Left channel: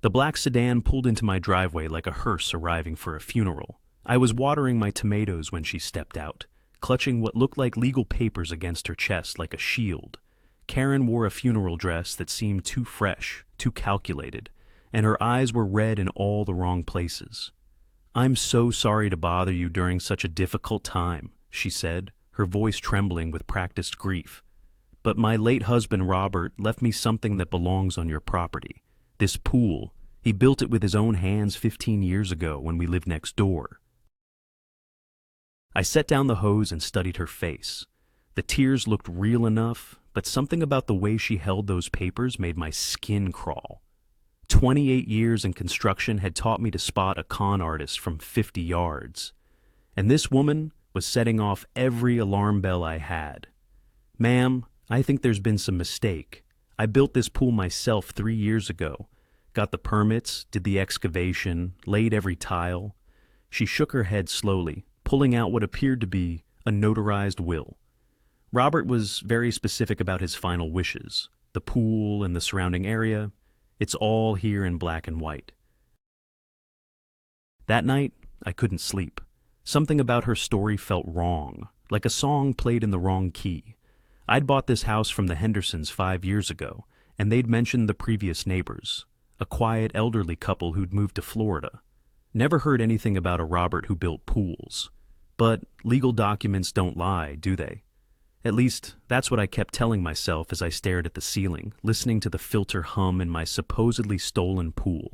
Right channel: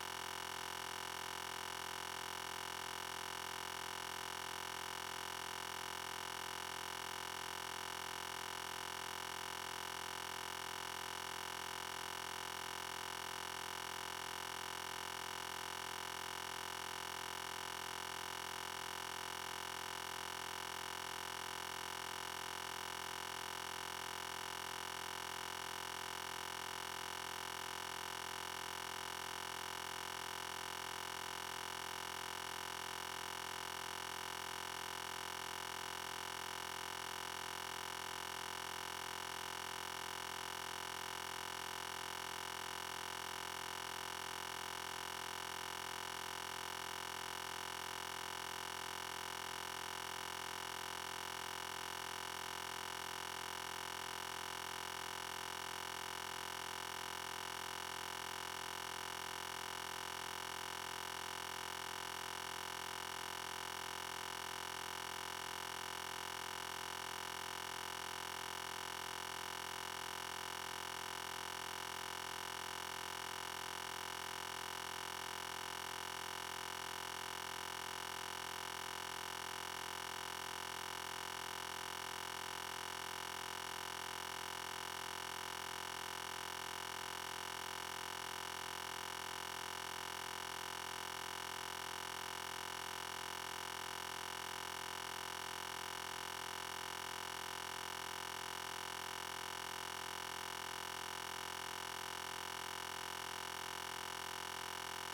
The black sedan pulled into my driveway like a hearse arriving for a funeral. I was watering my tomatoes when she stepped out, clutching what looked like legal papers against her chest like a shield. Karen wore a funeral dress that seemed too fresh, too calculated, and her eyes were red in all the wrong places. "I'm so sorry to bother you during such a difficult time," she said, her voice trembling with practiced grief. "But my late husband, Robert, left me something that belongs on your property. This pool. He built it with his own hands 15 years ago when we lived next door." I set down the hose and studied her face. The tears looked real enough, but something about the way she held those papers made my skin crawl. 28 years in construction had taught me to spot a con artist from 50 yards. And this woman was setting off every alarm bell I had. "Ma'am, I think there's been some mistake. I built this pool myself 3 years ago. Got the permits, did the excavation, laid every tile." She shook her head slowly, pulling out what appeared to be a notarized will. Robert was very specific about his final wishes. The pool and the surrounding area. It's all here in black and white. That night, I couldn't sleep. Something about her story felt wrong, like a song played in the wrong key. I'd bought this house from the Hendersons 5 years ago, and they'd mentioned the previous neighbors, a quiet elderly couple who'd moved to Florida. Never heard anything about a Robert who built pools. But legal documents don't lie, do they? At least, that's what I kept telling myself as I stared at the ceiling, listening to the filter hum in my supposedly stolen pool.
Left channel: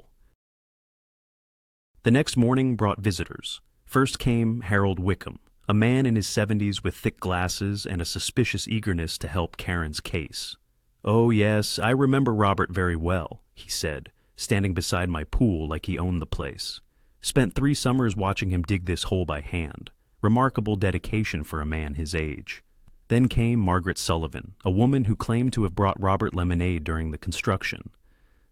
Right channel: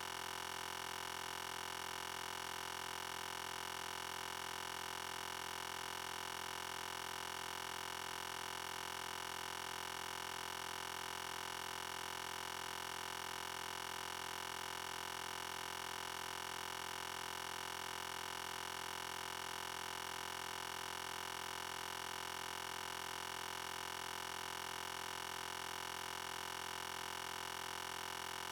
The next morning brought visitors. First came Harold Wickham, a man in his 70s with thick glasses and a suspicious eagerness to help Karen's case. "Oh yes, I remember Robert very well," he said, standing beside my pool like he owned the place. "Spent 3 summers watching him dig this hole by hand. Remarkable dedication for a man his age." Then came Margaret Sullivan, a woman who claimed to have brought Robert lemonade during the construction.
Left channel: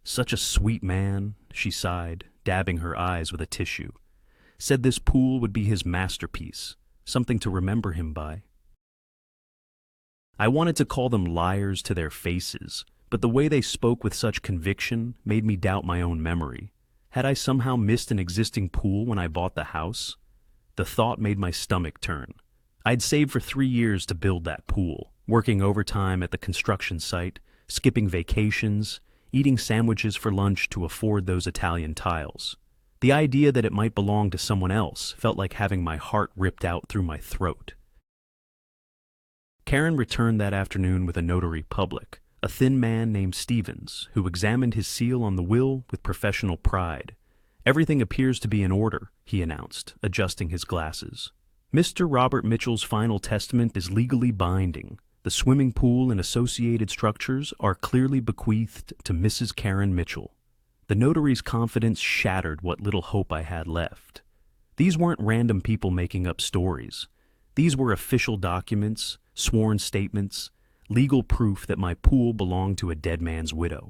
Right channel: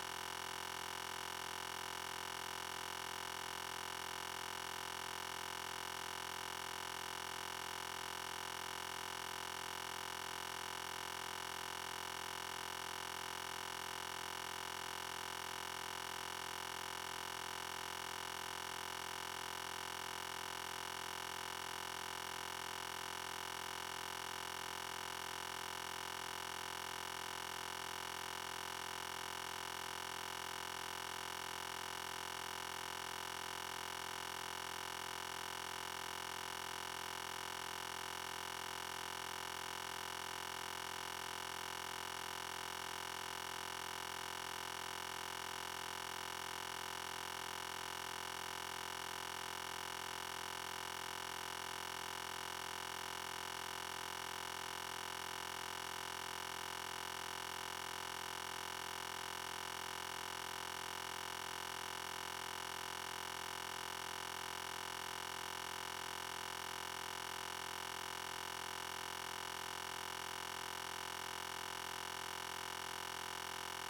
"Such a sweet man," she sighed, dabbing her eyes with a tissue. "Said this pool would be his masterpiece, something to remember him by." I wanted to call them liars to their faces, but the way they spoke with such conviction made me doubt my own memory. Had I somehow missed an existing pool when I bought the house? The thought made my stomach turn. I'd saved for 3 years to build that pool, working overtime at the construction site, skipping vacations, eating sandwiches for lunch to afford those Italian tiles. The idea that it might belong to someone else felt like having my heart ripped out through my throat. Karen returned that afternoon with a notary public, a thin man named Stevens, who examined his seal on the will with professional pride. "Everything appears to be in order," he announced, adjusting his glasses. "Mr. Robert Mitchell's final testament is legally binding. The swimming pool and associated structures are clearly bequeathed to Mrs. Karen Mitchell." The notary's confidence shattered what little hope I had left. These weren't random people making up stories. These were official documents, sworn statements, legal proof that my pool belonged to a dead man's widow.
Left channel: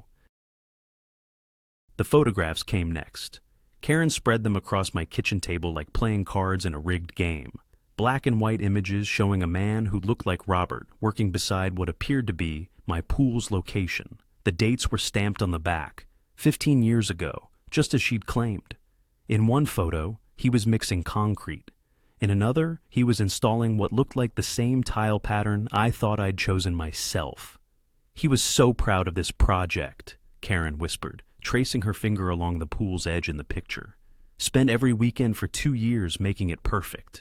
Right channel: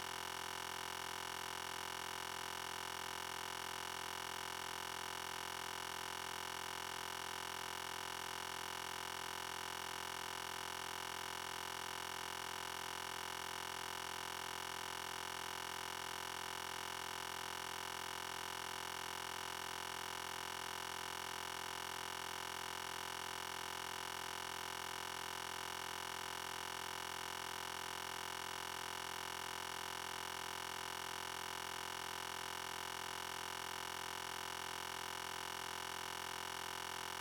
The photographs came next. Karen spread them across my kitchen table like playing cards in a rigged game. Black and white images showing a man who looked like Robert working beside what appeared to be my pool's location. The dates were stamped on the back, 15 years ago, just as she'd claimed. In one photo, he was mixing concrete. In another, he was installing what looked like the same tile pattern I thought I'd chosen myself. "He was so proud of this project," Karen whispered, tracing her finger along the pool's edge in the picture. "Spent every weekend for 2 years making it perfect."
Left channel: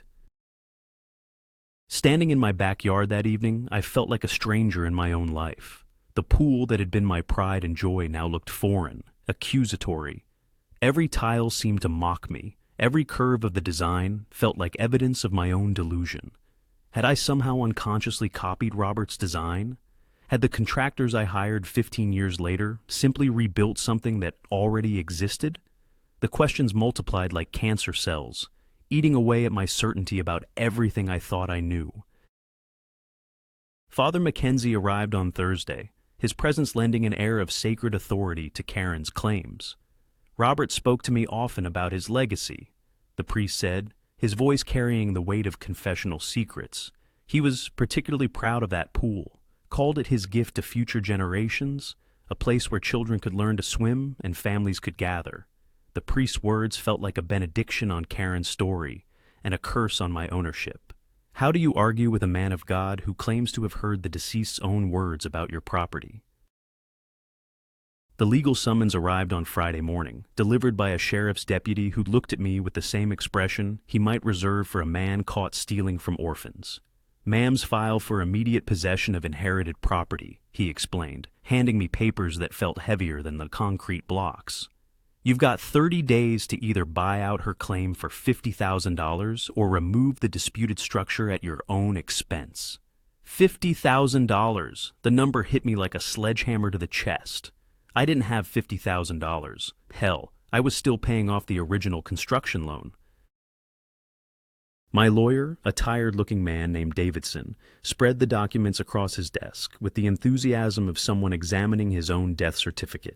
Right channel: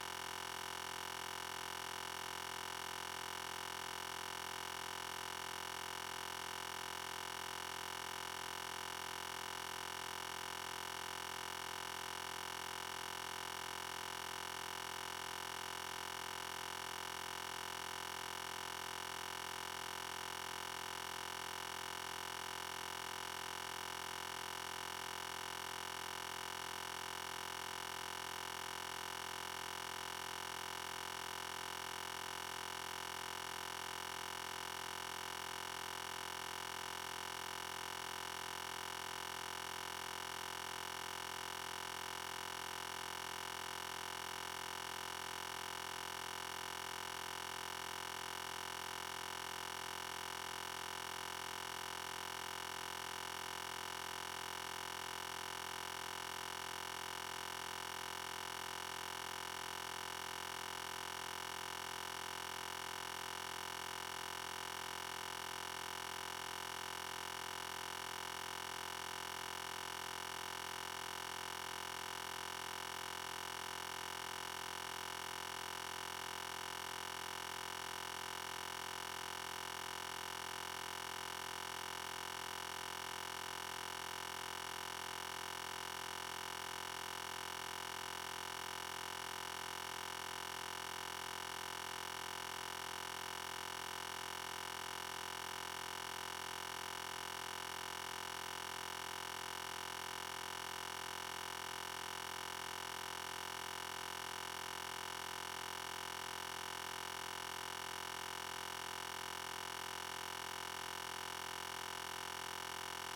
Standing in my backyard that evening, I felt like a stranger in my own life. The pool that had been my pride and joy now looked foreign, accusatory. Every tile seemed to mock me. Every curve of the design felt like evidence of my own delusion. Had I somehow unconsciously copied Robert's design? Had the contractors I hired 15 years later simply rebuilt something that already existed? The questions multiplied like cancer cells, eating away at my certainty about everything I thought I knew. Father Mackenzie arrived on Thursday, his presence lending an air of sacred authority to Karen's claims. Robert spoke to me often about his legacy, the priest said, his voice carrying the weight of confessional secrets. He was particularly proud of that pool, called it his gift to future generations, a place where children could learn to swim and families could gather. The priest's words felt like a benediction on Karen's story and a curse on my ownership. How do you argue with a man of God who claims to have heard the deceased's own words about your property? The legal summons arrived on Friday morning, delivered by a sheriff's deputy who looked at me with the same expression he might reserve for a man caught stealing from orphans. "Ma'am's file for immediate possession of inherited property," he explained, handing me papers that felt heavier than the concrete blocks. "You've got 30 days to either buy out her claim for $50,000 or remove the disputed structure at your own expense." $50,000! The number hit me like a sledgehammer to the chest. I didn't have $50,000. Hell, I was still paying off the original construction loan. My lawyer, a tired-looking man named Davidson, spread the documents across his desk with the enthusiasm of someone examining his own death certificate.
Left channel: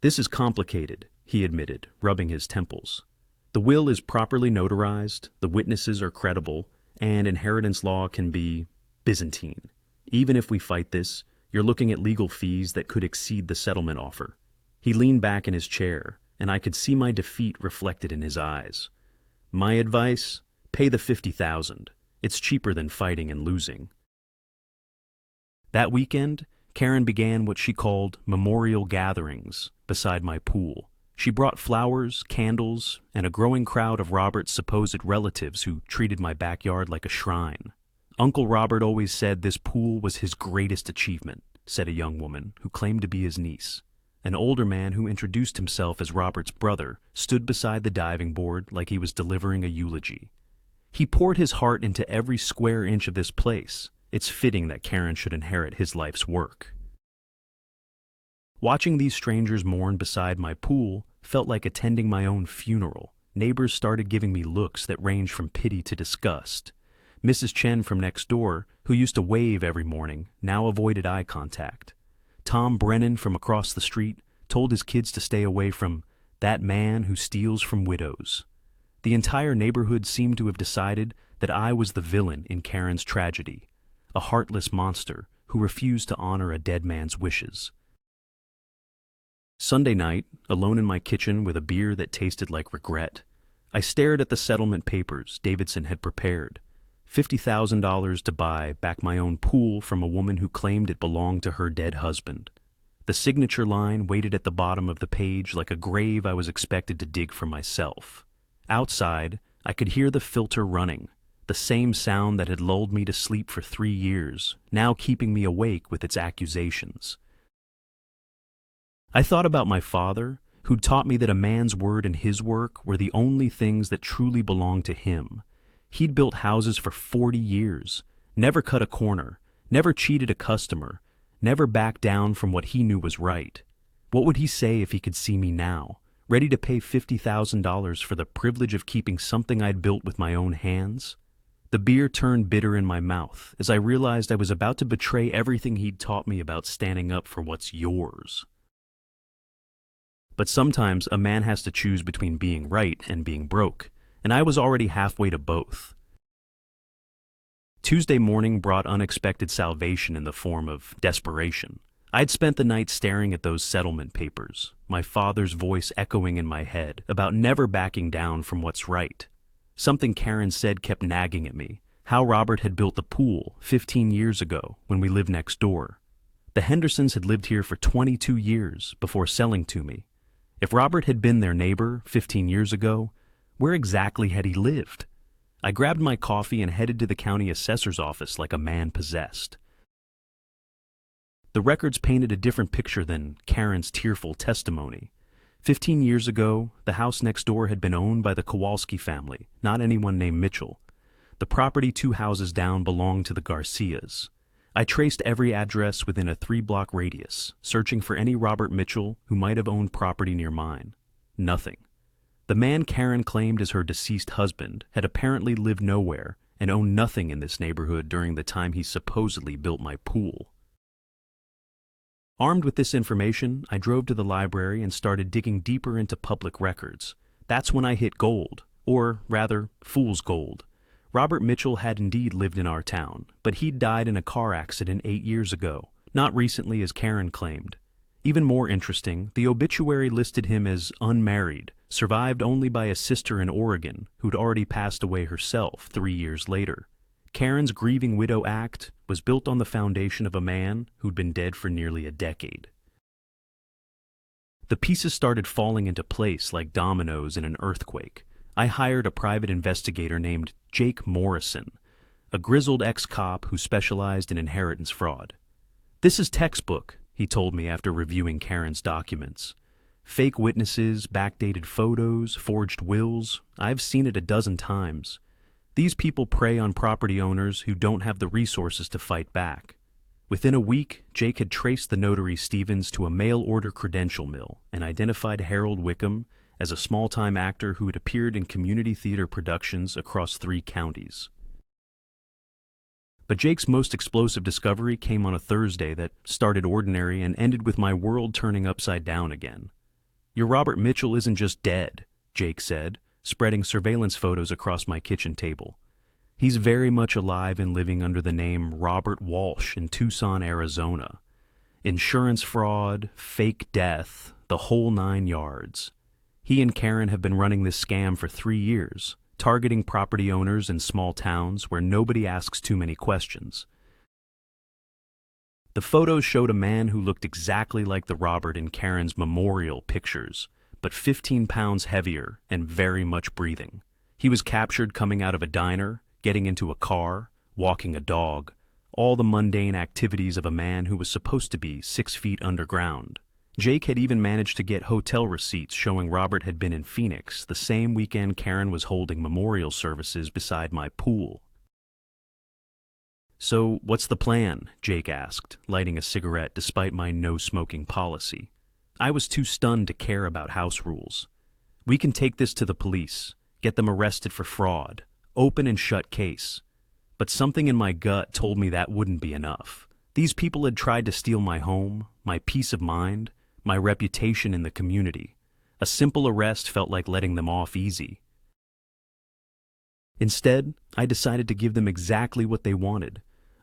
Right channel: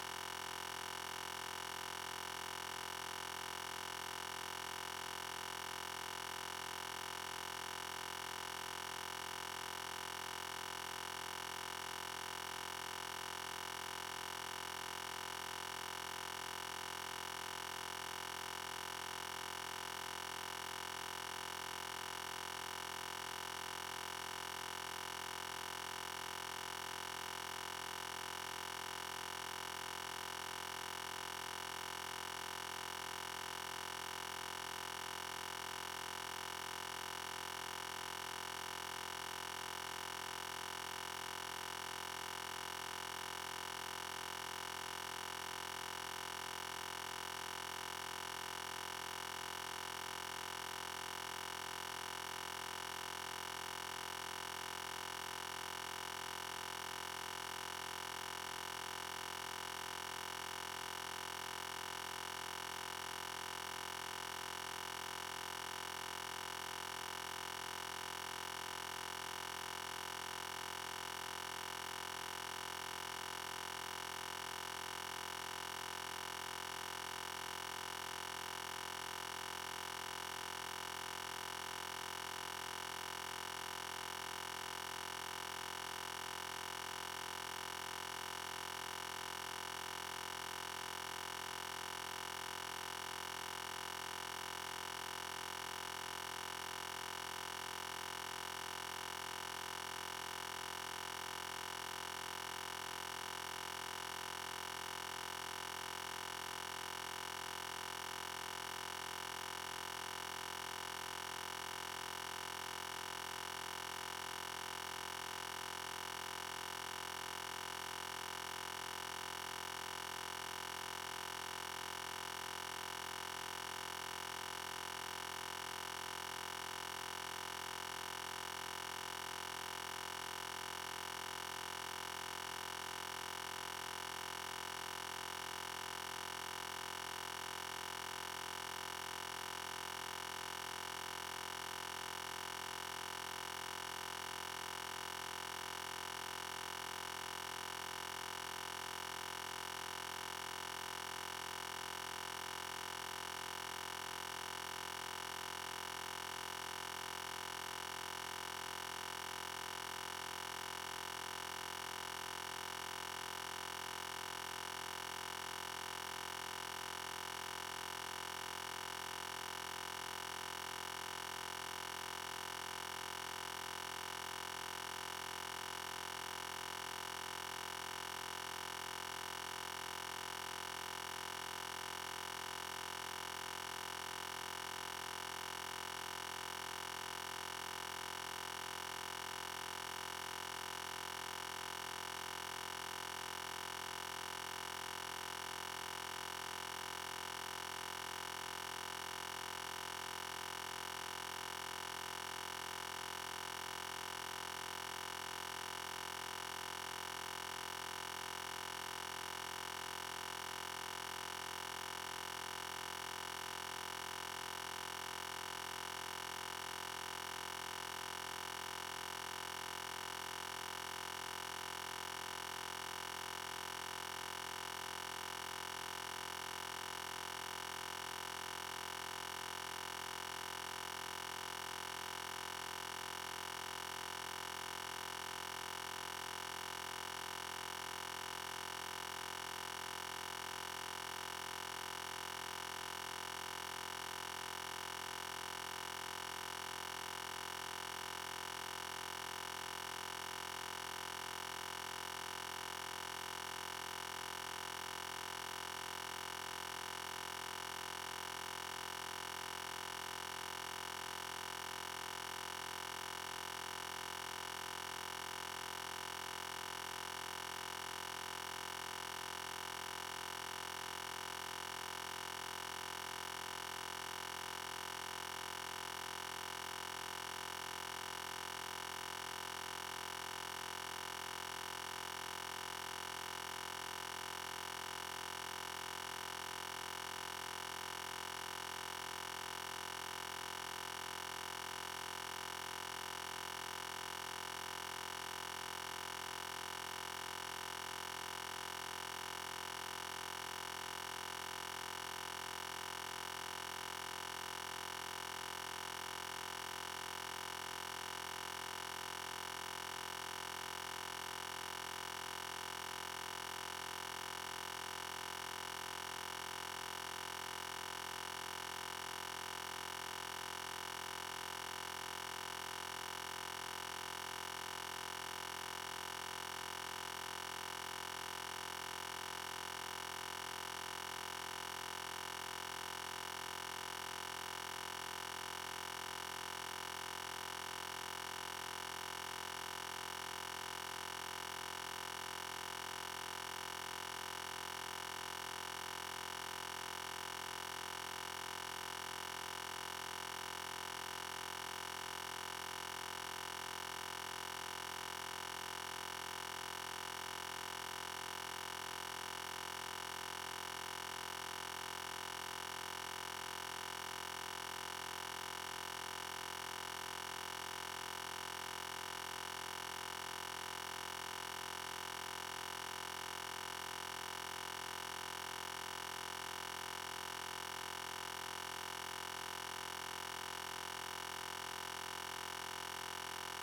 "This is complicated," he admitted, rubbing his temples. "The will is properly notarized, the witnesses are credible, and inheritance law can be Byzantine. Even if we fight this, you're looking at legal fees that could exceed the settlement offer." He leaned back in his chair, and I could see my defeat reflected in his eyes. "My advice? Pay the $50,000. It's cheaper than fighting and losing." That weekend, Karen began what she called memorial gatherings beside my pool. She brought flowers, candles, and a growing crowd of Robert's supposed relatives who treated my backyard like a shrine. "Uncle Robert always said this pool was his greatest achievement," said a young woman who claimed to be his niece. An older man who introduced himself as Robert's brother stood beside the diving board like he was delivering a eulogy. "He poured his heart into every square inch of this place. It's fitting that Karen should inherit his life's work." Watching these strangers mourn beside my pool felt like attending my own funeral. Neighbors started giving me looks that ranged from pity to disgust. Mrs. Chen from next door, who used to wave every morning, now avoided eye contact. Tom Brennan from across the street told his kids to stay away from that man who steals from widows. The entire neighborhood seemed to have decided that I was the villain in Karen's tragedy, a heartless monster who refused to honor a dead man's wishes. Sunday night, alone in my kitchen with a beer that tasted like regret, I stared at the settlement papers Davidson had prepared. $50,000 to buy back my own pool from a woman who claimed it belonged to her dead husband. The signature line waited at the bottom of the page like a grave I was expected to dig for myself. Outside, I could hear the filter running, the same sound that had lulled me to sleep for 3 years, now keeping me awake with its accusations. I thought about my father, who'd taught me that a man's word and his work were the only things that truly belonged to him. He'd built houses for 40 years, never cut a corner, never cheated a customer, never backed down from what he knew was right. What would he say if he could see me now, ready to pay $50,000 for the privilege of keeping something I'd built with my own hands? The beer turned bitter in my mouth as I realized I was about to betray everything he'd taught me about standing up for what's yours. But sometimes a man has to choose between being right and being broke, and I was already halfway to both. Tuesday morning brought unexpected salvation in the form of desperation. I'd spent the night staring at those settlement papers, my father's voice echoing in my head about never backing down from what's right. Something Karen said kept nagging at me, how Robert had built the pool 15 years ago when we lived next door. The Hendersons had lived here for 22 years before selling to me. If Robert had been their neighbor 15 years ago, where exactly had he lived? I grabbed my coffee and headed to the county assessor's office like a man possessed. The records painted a different picture than Karen's tearful testimony. 15 years ago, the house next door had been owned by the Kowalski family, not anyone named Mitchell. The property 2 houses down belonged to the Garcias. I traced every address within a 3-block radius, searching for any Robert Mitchell who might have owned property near mine. Nothing. The man Karen claimed as her deceased husband had apparently lived nowhere and owned nothing in this neighborhood during the time he supposedly built my pool. Armed with this information, I drove to the library and started digging deeper into public records. That's when I hit gold, or rather, fool's gold. Robert Mitchell had indeed lived in our town, but he'd died in a car accident 8 years ago, not recently as Karen claimed. Even more interesting, the obituary listed him as unmarried, survived only by a sister in Oregon who'd already passed away herself 3 years later. Karen's grieving widow act was built on the foundation of a man who'd been dead for nearly a decade. The pieces started falling into place like dominoes in an earthquake. I hired a private investigator named Jake Morrison, a grizzled ex-cop who specialized in inheritance fraud. "This is textbook," he told me after reviewing Karen's documents. "Fake witnesses, backdated photos, forged wills. I've seen it a dozen times. These people prey on property owners who don't have the resources to fight back." Within a week, Jake had traced the notary Stevens to a mail-order credential mill and identified Harold Wickham as a small-time actor who had appeared in community theater productions across 3 counties. But Jake's most explosive discovery came on a Thursday that started ordinary and ended with my world turning upside down again. "Your Robert Mitchell isn't just dead," Jake said, spreading surveillance photos across my kitchen table. "He's very much alive and living under the name Robert Walsh in Tucson, Arizona. Insurance fraud, fake death, the whole 9 yards. He and Karen have been running this scam for 3 years, targeting property owners in small towns where nobody asks too many questions." The photos showed a man who looked exactly like the Robert in Karen's memorial pictures, but 15 pounds heavier and very much breathing. He was captured coming out of a diner, getting into a car, walking a dog, all the mundane activities of a man who was supposed to be 6 feet underground. Jake had even managed to get hotel receipts showing Robert had been in Phoenix the same weekend Karen was holding memorial services beside my pool. "So, what's the plan?" Jake asked, lighting a cigarette despite my no-smoking policy. I was too stunned to care about house rules. "We can take this to the police, get them arrested for fraud, open and shut case." But something in my gut told me that wouldn't be enough. These people had tried to steal my home, my peace of mind, my reputation in the community. A simple arrest felt like letting them off easy. Instead, I decided to give them exactly what they wanted,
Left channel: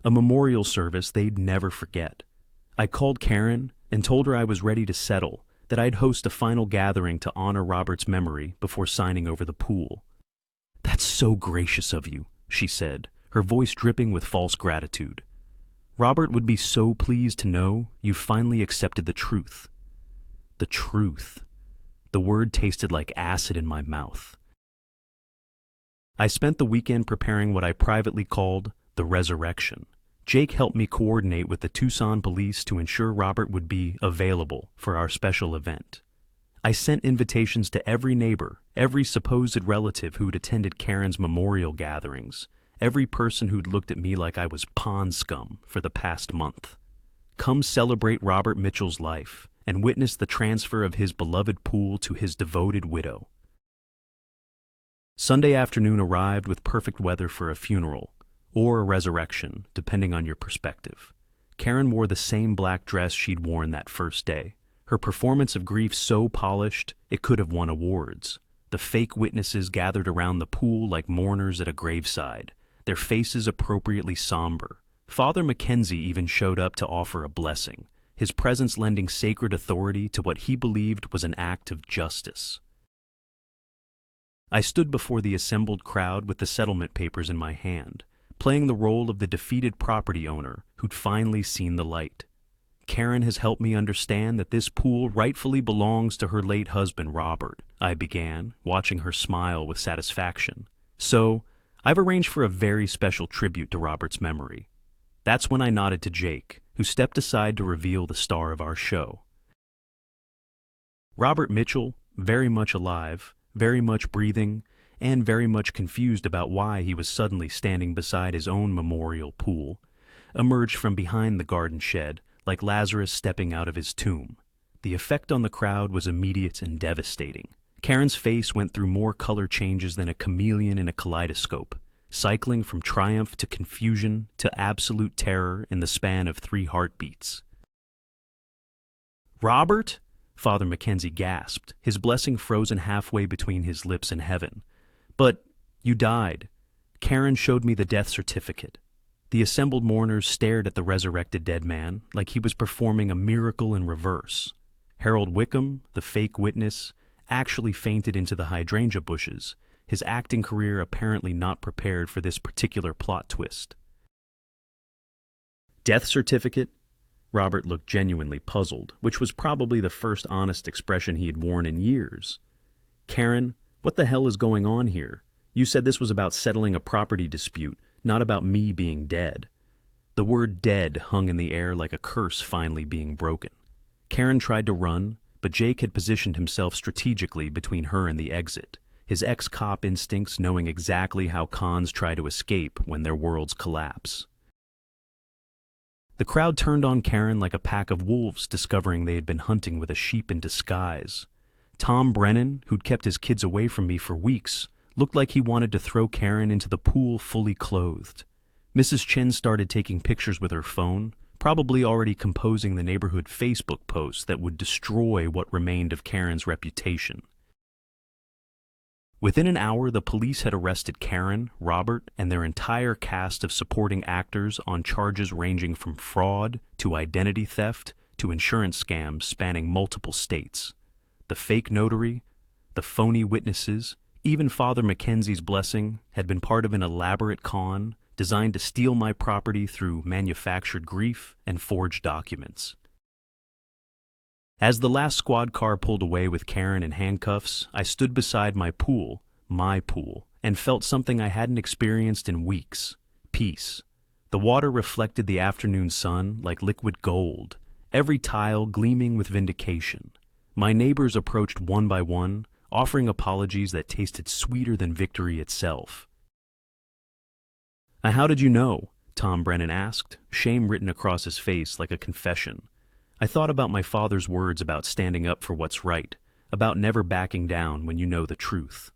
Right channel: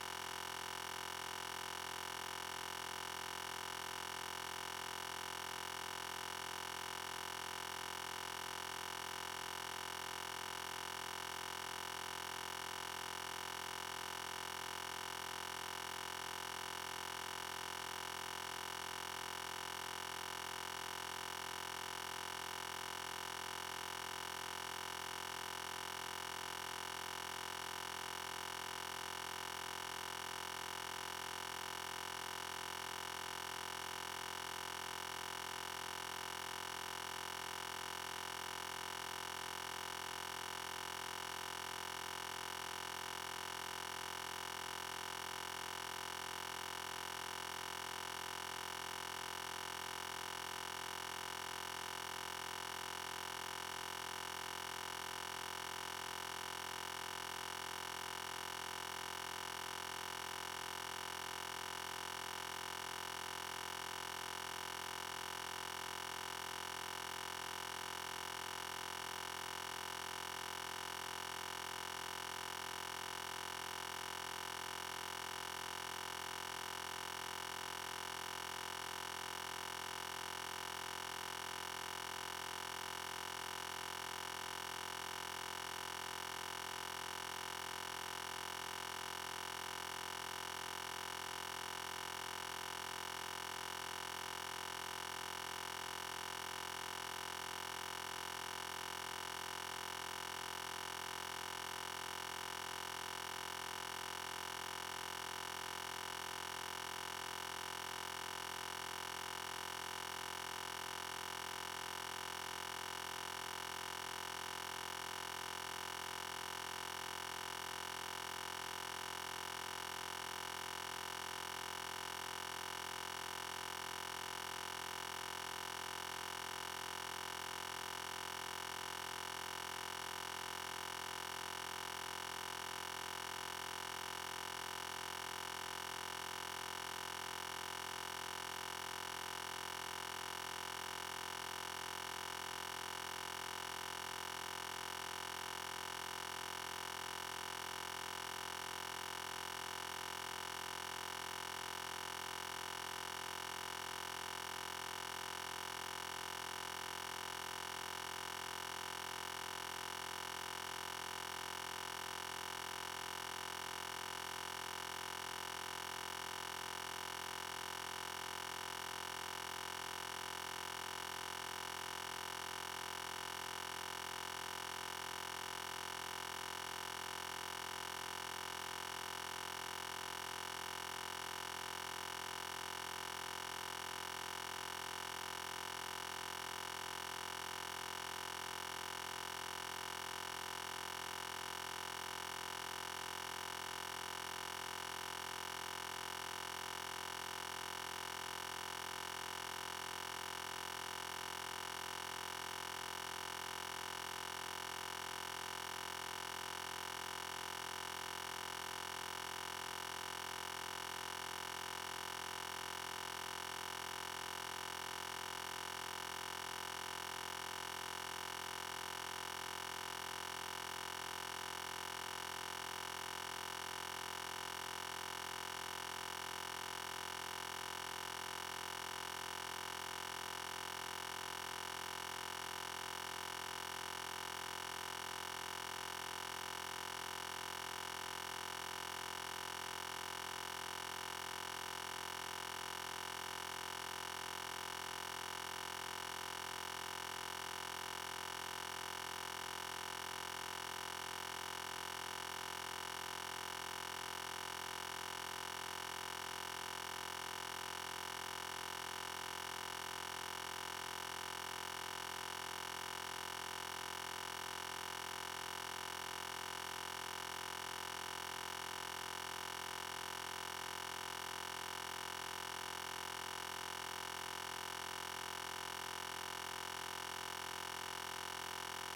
a memorial service they'd never forget. I called Karen and told her I was ready to settle, that I'd host a final gathering to honor Robert's memory before signing over the pool. "That's so gracious of you," she said, her voice dripping with false gratitude. "Robert would be so pleased to know you finally accepted the truth." The truth. The word tasted like acid in my mouth. I spent the weekend preparing what I privately called the resurrection. Jake helped me coordinate with the Tucson police to ensure Robert would be available for our special event. I sent invitations to every neighbor, every supposed relative who'd attended Karen's memorial gatherings, every person who'd looked at me like I was pond scum for the past month. Come celebrate Robert Mitchell's life and witness the transfer of his beloved pool to his devoted widow. Sunday afternoon arrived with perfect weather for a funeral, or a resurrection, depending on your perspective. Karen wore the same black dress she'd worn that first day, her performance of grief so polished it could have won awards. The fake witnesses gathered around the pool like mourners at a graveside, their faces appropriately somber. Father Mackenzie even showed up to offer a blessing, his presence lending sacred authority to what he believed was an act of justice. I stood before the assembled crowd with the settlement papers in my hand, playing the role of the defeated property owner who'd finally seen the light. Karen has helped me understand that this pool rightfully belongs to her late husband, Robert, I began, watching her smile with satisfaction. "So, I've arranged for a very special tribute to Robert's memory." That's when I nodded to Jake, who stepped aside to reveal the star of our show. Robert Mitchell, very much alive, very much breathing, and very much confused about why he was suddenly standing beside his own memorial pool, emerged from behind the garden shed like Lazarus stepping out of his tomb. The effect on the crowd was immediate and devastating. Karen's face went through more color changes than a chameleon in a kaleidoscope, cycling from triumph to confusion to absolute terror in the span of 3 heartbeats. "Robert?" Father Mackenzie gasped, his blessing frozen halfway between his lips and heaven. "But you died." Karen showed me the death certificate. The assembled mourners stared at the resurrected dead man like he was performing a miracle in reverse. Harold Wickham, the fake witness, actually fainted into the hydrangea bushes, his acting career apparently not prepared for this particular plot twist. Death certificate? Robert looked genuinely puzzled, which was probably the first honest expression he had worn in years. Karen, what the hell is going on here? You said this was about settling a property dispute, not about me being dead. The word dead hung in the air like a curse finally being broken. Karen tried to run, but Jake had positioned himself strategically between her and the exit, his ex-cop instincts knowing exactly how cons try to escape when their worlds collapse. The crowd turned on Karen like a pack of wolves discovering they had been hunting with a sheep in disguise. Tom Brennan, who'd kept his kids away from me for weeks, looked like he wanted to throw Karen into the pool fully clothed. Mrs. Chen started taking pictures with her phone, probably already composing the neighborhood Facebook post that would destroy what remained of Karen's reputation. Within an hour, the police had arrested Karen, Robert, and their entire cast of supporting actors on charges ranging from fraud to identity theft to insurance scams spanning multiple states. The fake notary, the phony witnesses, even Father Mackenzie's blessing had been part of an elaborate con designed to steal my property through manufactured grief and forged documents. As the last squad car pulled away with Karen in handcuffs, I stood beside my pool, and felt something I hadn't experienced in weeks: peace. The water reflected the afternoon sun like liquid gold, every tile gleaming with vindication. My neighbors approached one by one, offering apologies that tasted sweeter than victory itself. "Now, how did you know?" Tom Brennan asked, shame written across his face like a confession. I thought about my father's words about standing up for what's right, about never backing down when you know the truth.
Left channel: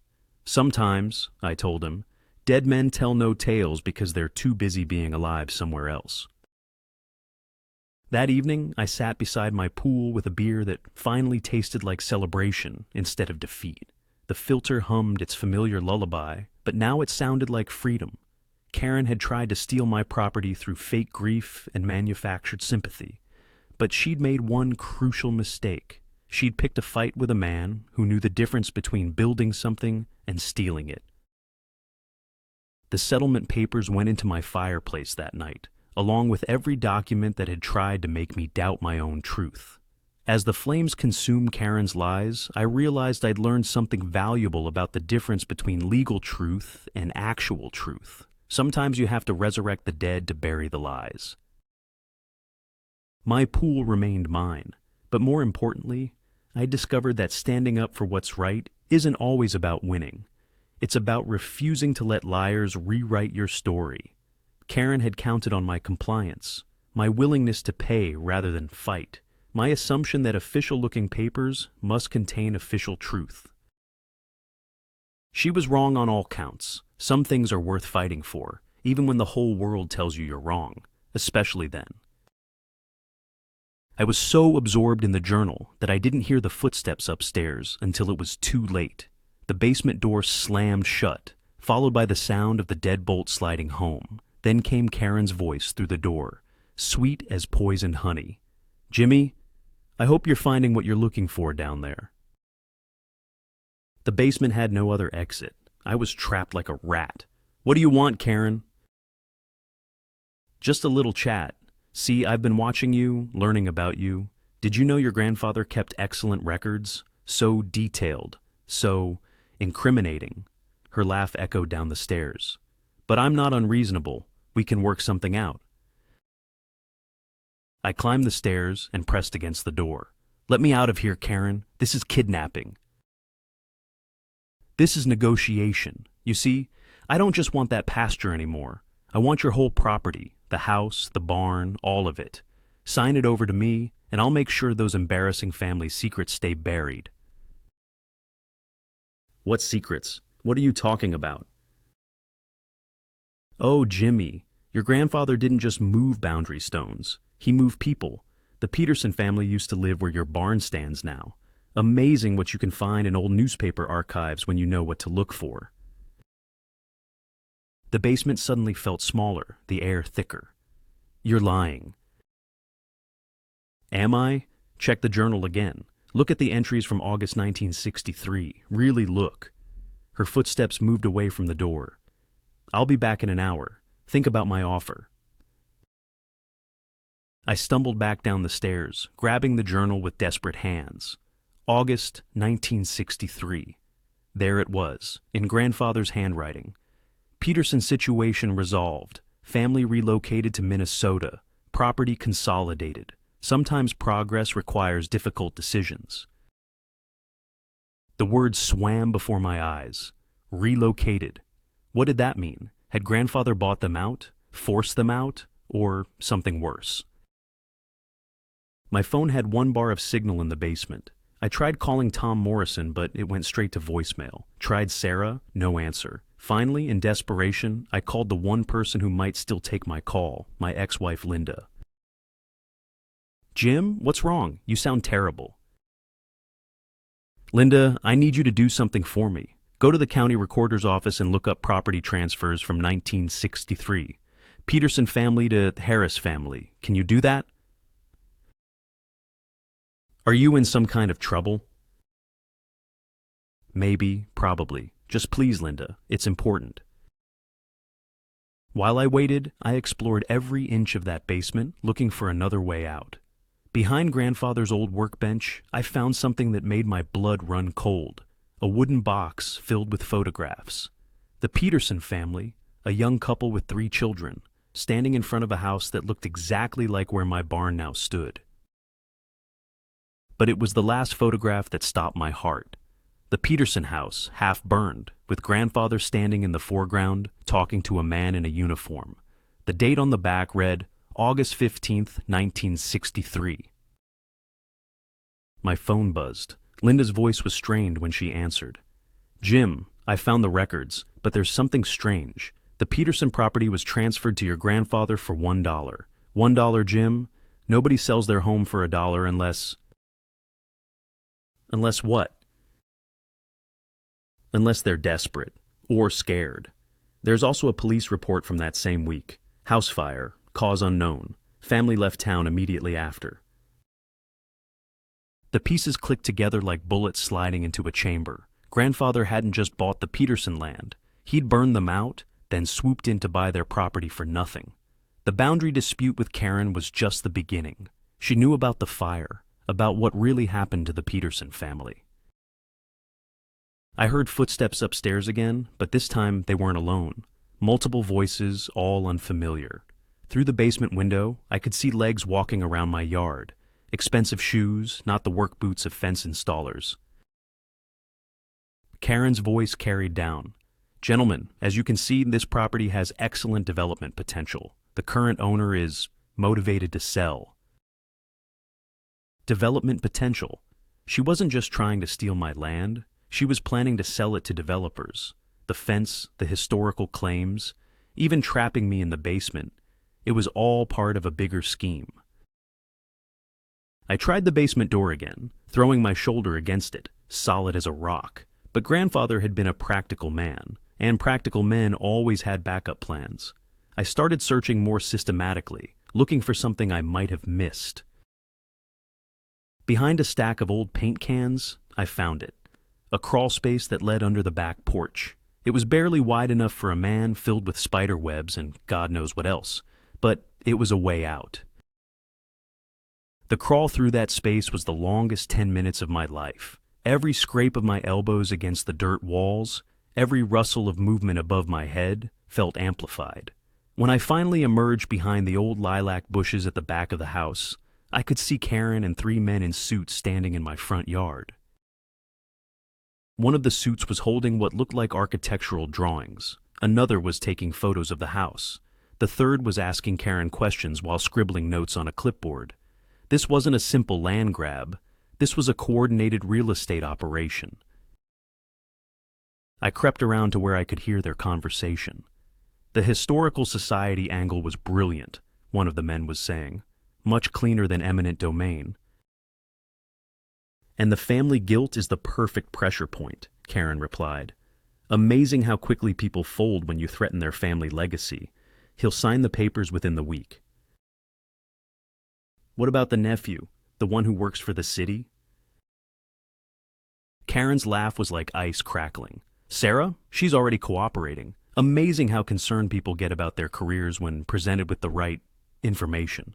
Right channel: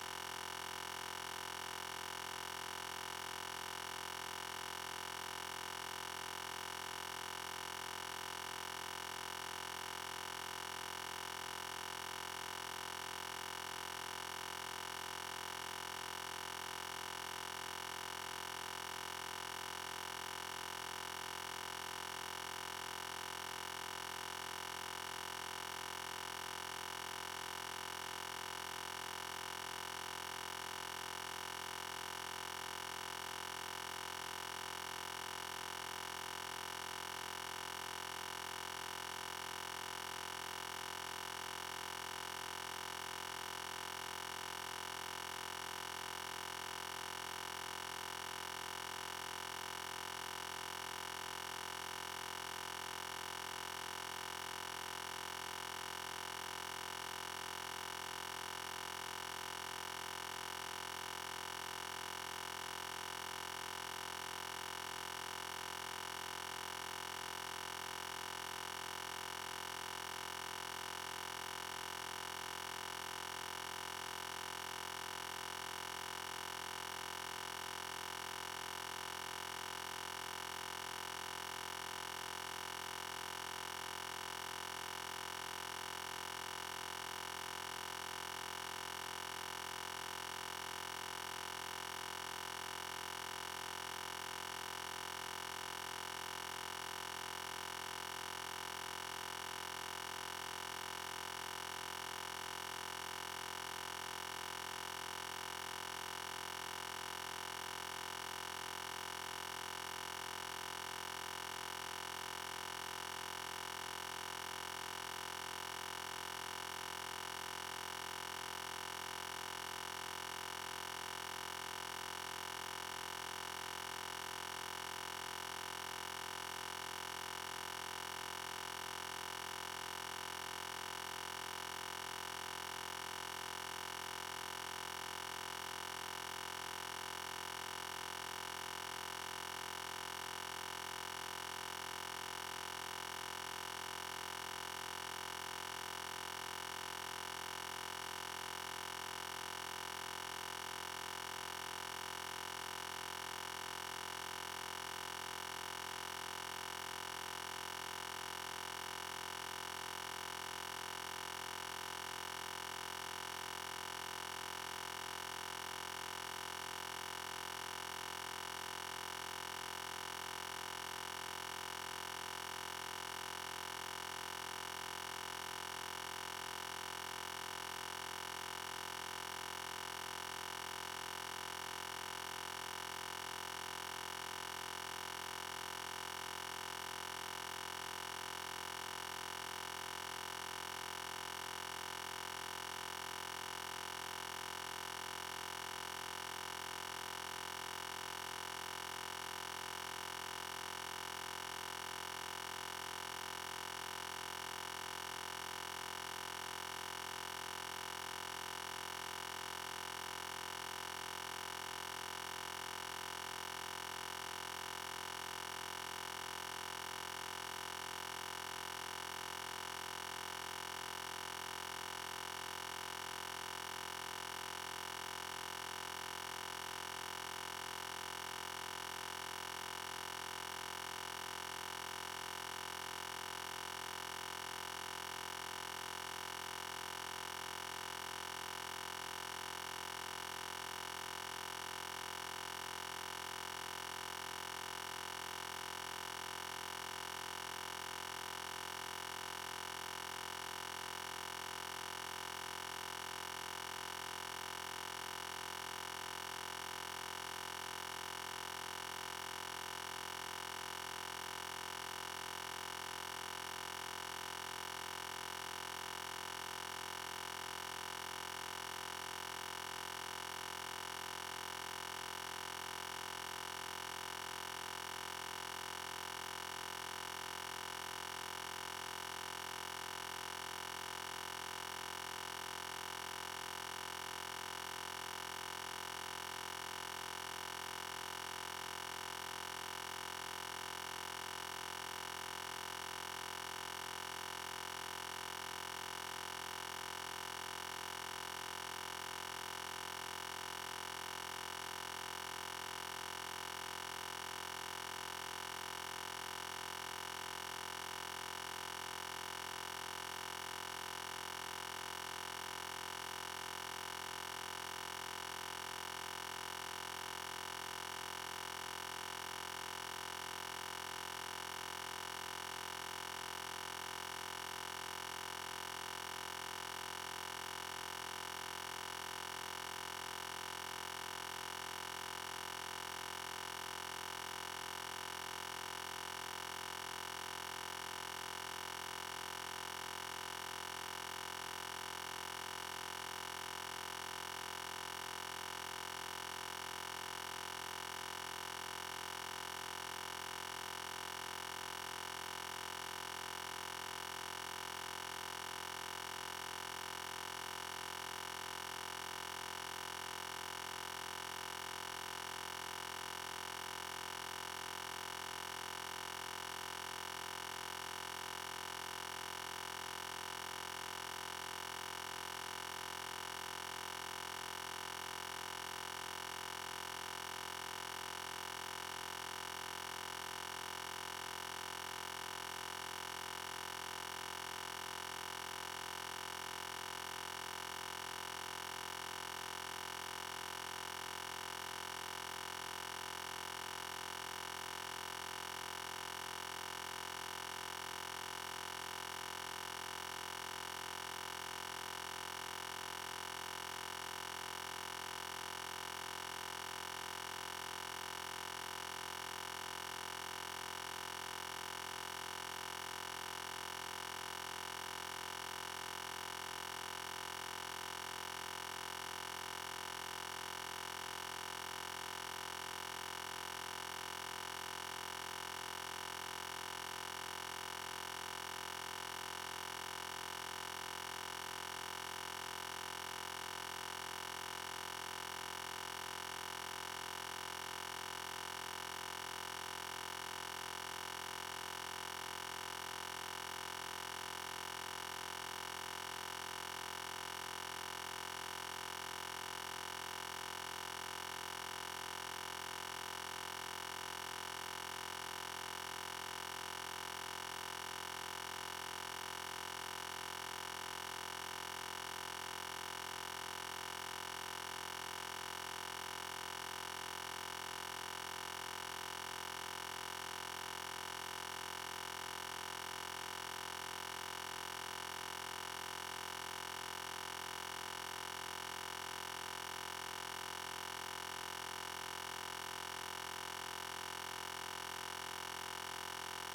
"Sometimes," I told him, "dead men tell no tales because they're too busy being alive somewhere else." That evening, I sat beside my pool with a beer that finally tasted like celebration instead of defeat. The filter hummed its familiar lullaby, but now it sounded like freedom. Karen had tried to steal my property through fake grief and manufactured sympathy. But she'd made one crucial mistake. She'd picked a fight with a man who knew the difference between building something and stealing it. The settlement papers went into my fireplace that night, along with every document that had tried to make me doubt my own truth. As the flames consumed Karen's lies, I realized I'd learned something valuable about the difference between legal truth and actual truth. Sometimes you have to resurrect the dead to bury the lies. My pool remained mine, but more importantly, I discovered that standing up for what's right isn't always about winning. It's about refusing to let liars rewrite your story. Karen had counted on my compliance, my willingness to pay rather than fight, my assumption that official-looking papers must contain official truth. She was wrong on all counts. Some things are worth fighting for, even when the whole world tells you you're wrong, especially then. I was so absorbed in the journal that I didn't hear the footsteps upstairs until it was too late. The basement door slammed shut, followed by the sound of the deadbolt sliding home. Then came Karen's voice through the door, sweet as poisoned honey. "Jimmy, I hope you're finding what you're looking for down there." The basement had no other exit. I was trapped like a rat. "What do you want, Karen?" "Just a little chat. See, I've been watching you, learning about you. Did you know your grandfather kept excellent records? So detailed, so incriminating." Her laugh echoed down the stairs. "But I'm not unreasonable. We can work something out." I climbed the stairs and pressed against the door. "Let me out of here, Karen. This is kidnapping." "This is negotiation. You see, I don't just want that pasture anymore. I want your whole property, the house, the barn, all of it. Sign it over to me, and I'll make sure those embarrassing family secrets stay buried." "What secrets? What are you talking about?" "Oh, Jimmy, your grandfather didn't just move boundary stones. He moved people. The Peterson family used to live where your barn stands now. Amazing what you can find in old newspaper archives when you know what to look for." The basement suddenly felt smaller, the air thicker. You're lying. Am I? Check the journal again. Look at the entries from August 1963. Really look. Her footsteps moved away from the door. I'll be back in an hour. Think about my offer. I stumbled back down the stairs, grabbing the journal with desperate hands. August 1963. There it was, in grandfather's handwriting. Peterson's situation resolved. Family relocated to Minnesota. Property consolidated. Sometimes progress requires difficult decisions. The words swam before my eyes. Relocated. What did that mean? Had grandfather bought them out, forced them out, or something worse? My phone had 1 bar of signal in the basement. I tried calling Tom Morrison, but it went straight to voicemail. Tried Sarah, no answer. Finally, in desperation, I called the one person who might still take my call, my ex-wife Linda. Jim, what's wrong? You sound terrible. Linda, I need you to do something for me. Go to the county recorder's office and look up property transfers from 1963. Peterson family to Harris family. Can you do that? Are you in some kind of trouble? Maybe, probably. Just please, Linda. It's important. While I waited, I explored every inch of that basement, looking for another way out. Behind grandfather's old workbench, I found something that made my blood run cold. A wooden box filled with photographs. The Peterson family, a young couple with 3 children, standing in front of a house that looked exactly like where my barn now stood. But it was the last photograph that stopped my heart. The Peterson house, half burned, with grandfather standing in the foreground, talking to a man in a uniform. The date on the back read, August 15th, 1963. My phone buzzed. Linda's voice was strained when she answered. Jim, I found the records, but there's something strange. The Peterson property was transferred to your grandfather for $1. $1, Jim? Nobody sells their home for $1 unless... Unless what? Unless they're desperate or scared. There's also a police report from that same week. House fire, cause unknown. Family left town immediately after. The pieces clicked together like bullets sliding into a chamber. Grandfather hadn't just bought the Peterson land. He'd burned them out, then swooped in to buy their property for nothing. The boundary dispute with Karen was just the beginning. She knew about the fire, about what really happened to the Peterson family. I heard footsteps upstairs again, but this time they weren't alone. Multiple voices, all unfamiliar. Through the basement window, I could see legs walking around my yard. Expensive shoes, not the work boots of fence installers. Karen's voice carried down. Gentlemen, as you can see, this property has excellent development potential. The current owner is motivated to sell. Development potential. She wasn't just trying to steal my land. She was planning to sell it to developers. The fence, the historical claims, even trapping me in the basement. It was all part of a bigger scheme. I tried the basement door again, throwing my shoulder against it, solid as a rock. But grandfather had been a practical man, and practical men always had backup plans. I started searching more systematically, looking for something I might have missed. Behind a stack of old paint cans, I found it. A crawl space that led under the back porch. It was barely wide enough for a man, filled with spider webs and God knows what else. But it was a way out. The crawl through that space was the longest 10 minutes of my life. Every scrape of my elbows against the dirt walls, every rustle of movement above my head felt amplified. When I finally emerged behind the old lilac bushes at the back of the house, I could see Karen and 3 men in suits standing in my front yard. One of the suits was holding what looked like architectural drawings. Another was taking photos of the house. The third was asking Karen questions while scribbling notes on a clipboard. This wasn't a simple land grab. This was a coordinated real estate operation. I crept around to where I could hear their conversation. The historical society angle was brilliant, one of the men was saying. Much cleaner than eminent domain. And the family guilt is the perfect pressure point, Karen replied. Amazing how quickly people fold when you threaten their family legacy. He'll sign the papers within the week. What about the nephew, the one who works for the city? Karen's laugh was like ice crackling. Sarah, she's already cooperating. Amazing how concerned people get about their careers when presented with the right information.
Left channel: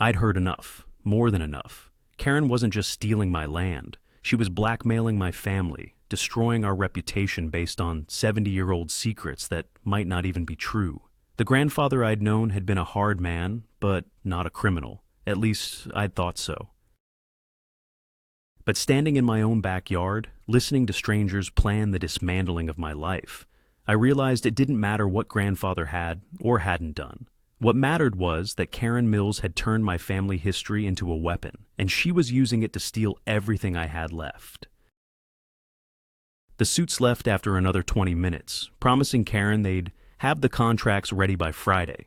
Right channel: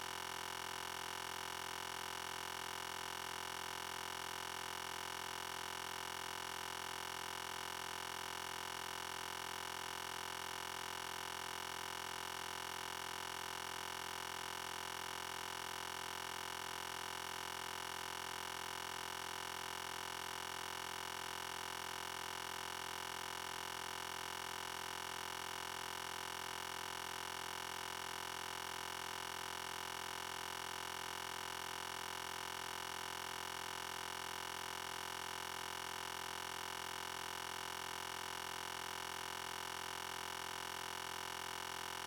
I'd heard enough, more than enough. Karen wasn't just stealing my land. She was blackmailing my family, destroying our reputation based on 70-year-old secrets that might not even be true. The grandfather I'd known had been a hard man, but not a criminal. At least I'd thought so. But standing in my own backyard, listening to strangers plan the dismantling of my life, I realized it didn't matter what grandfather had or hadn't done. What mattered was that Karen Mills had turned my family history into a weapon, and she was using it to steal everything I had left. The suits left after another 20 minutes, promising Karen they'd have the contracts ready by Friday.